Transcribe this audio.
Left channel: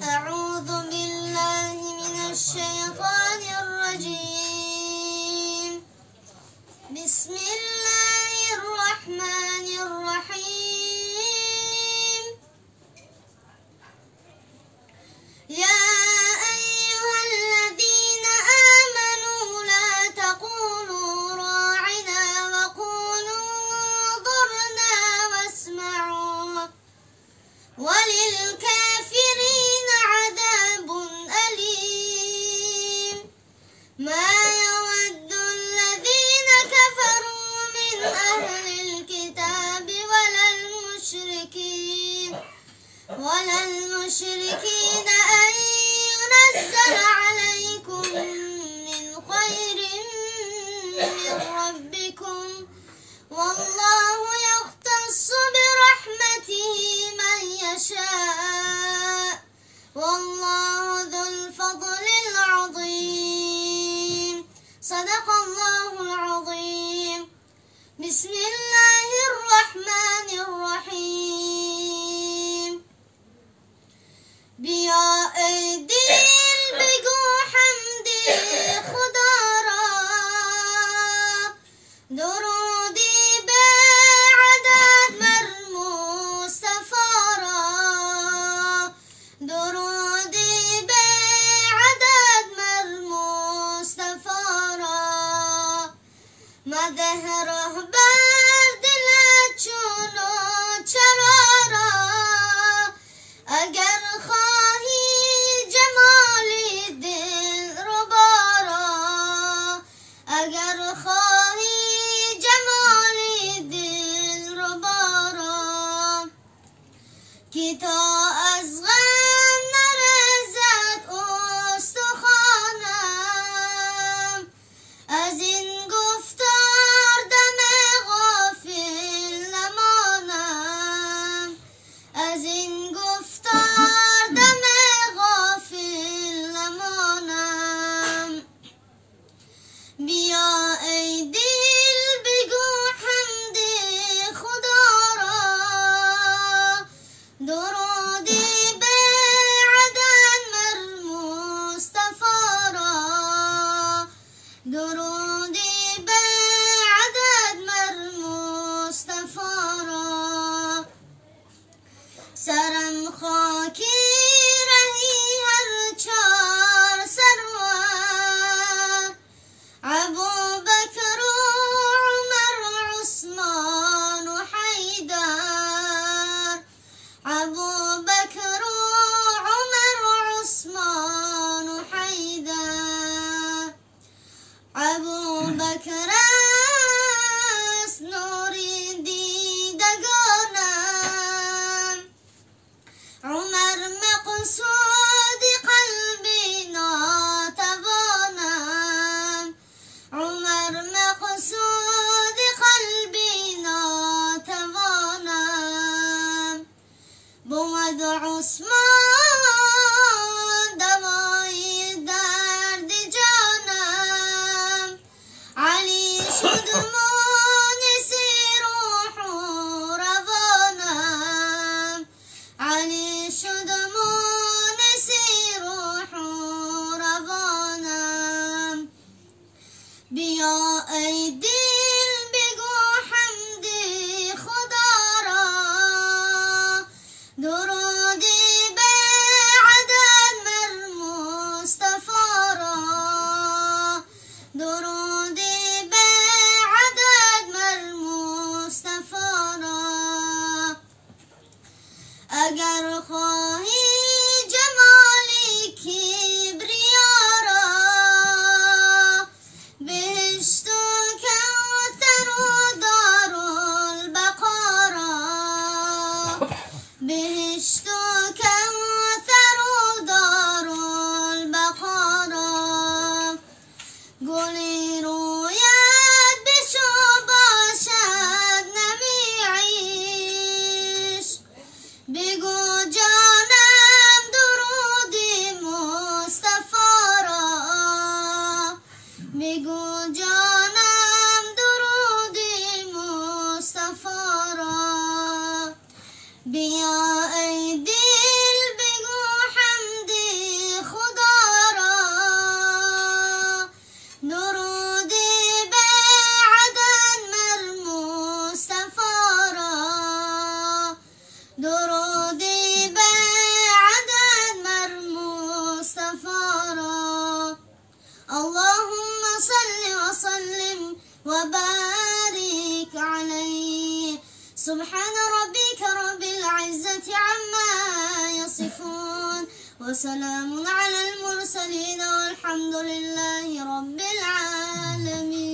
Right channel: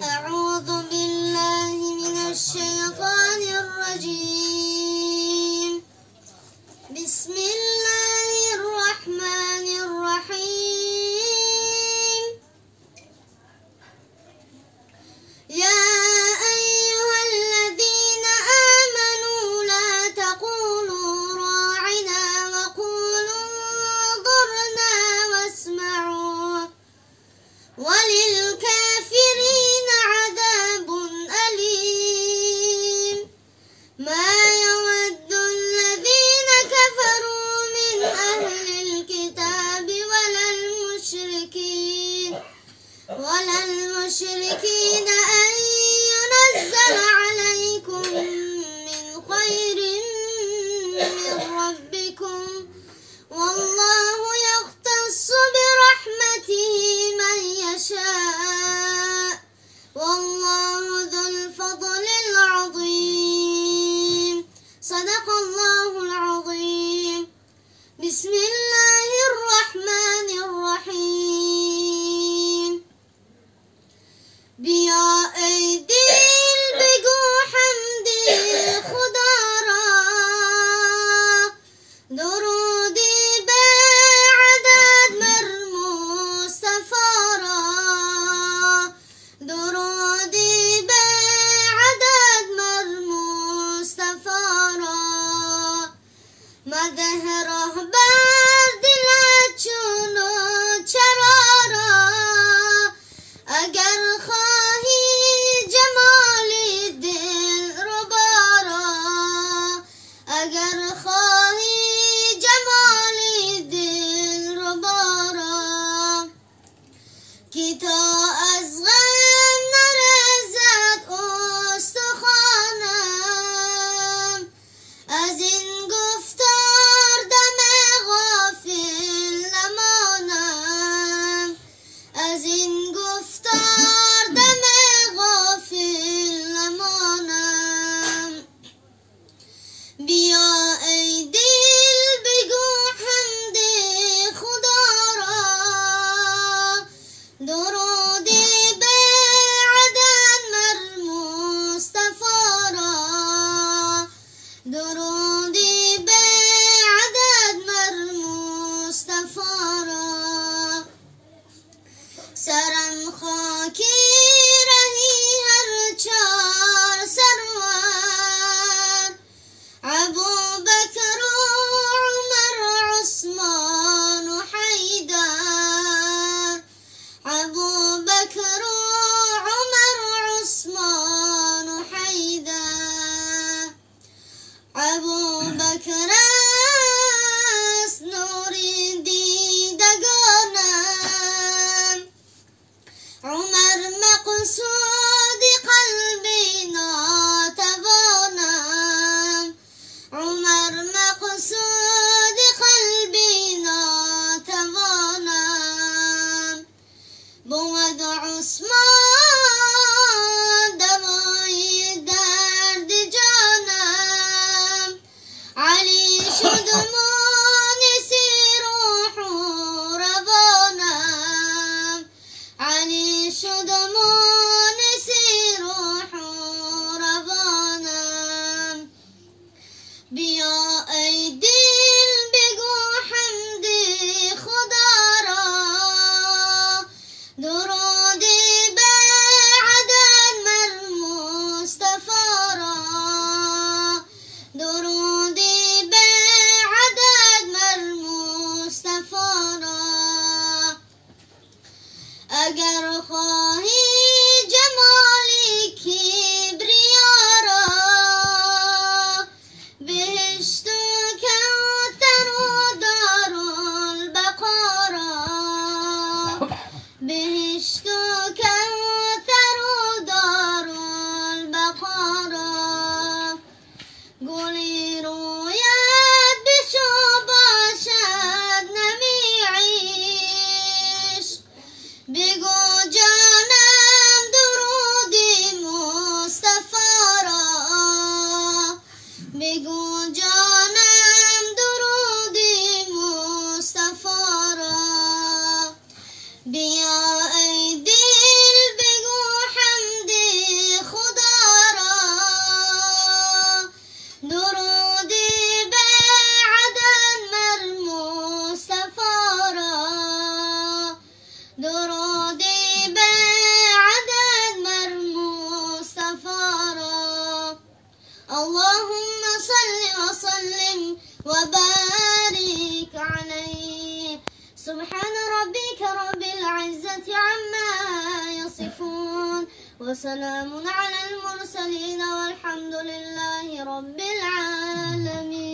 أعوذ بالله من الشيطان الرجيم. بسم الله الرحمن الرحيم. يا أيها الذين آمنوا لا تقولوا راعنا وقولوا انظرنا واسمعوا وللكافرين عذاب أليم. ما يود الذين كفروا من أهل الكتاب ولا المشركين أن ينزل عليكم من خير من ربكم والله يختص برحمته من يشاء والله ذو الفضل العظيم. صدق الله العظيم. بسم الله الرحمن الرحیم. بیا ای دل بگو حمد خدا را، درودی به عدد مر مصطفی را، درودی به عدد مر مصطفی را. مده رهبر دلت چون و چرا را، اگر خواهی جمالی دلربا را، اگر خواهی جمالی دلربا را. که تا از غم نرزد استخوانم، از این گفتار دم غافل نمانم، از این گفتار دم غافل نمانم. بیا ای دل بگو حمد خدا را، درودی به عدد مر مصطفی را، درودی به عدد مر مصطفی را. سرم خاکی رهی هر چار سرور، ابوبکر و عمر عثمان و حیدر، ابوبکر و عمر عثمان و حیدر. ابوبکر است نور دیدگانم، عمر مقصود قلبی ناتوانم، عمر مقصود قلبی ناتوانم. بود عثمان دوای درد جانم، علی شد مونس روح و روانم، علی شد مونس وبارك عليه. سبحان ربك رب العزة عما يصفون وسلام على المرسلين والحمد لله رب العالمين.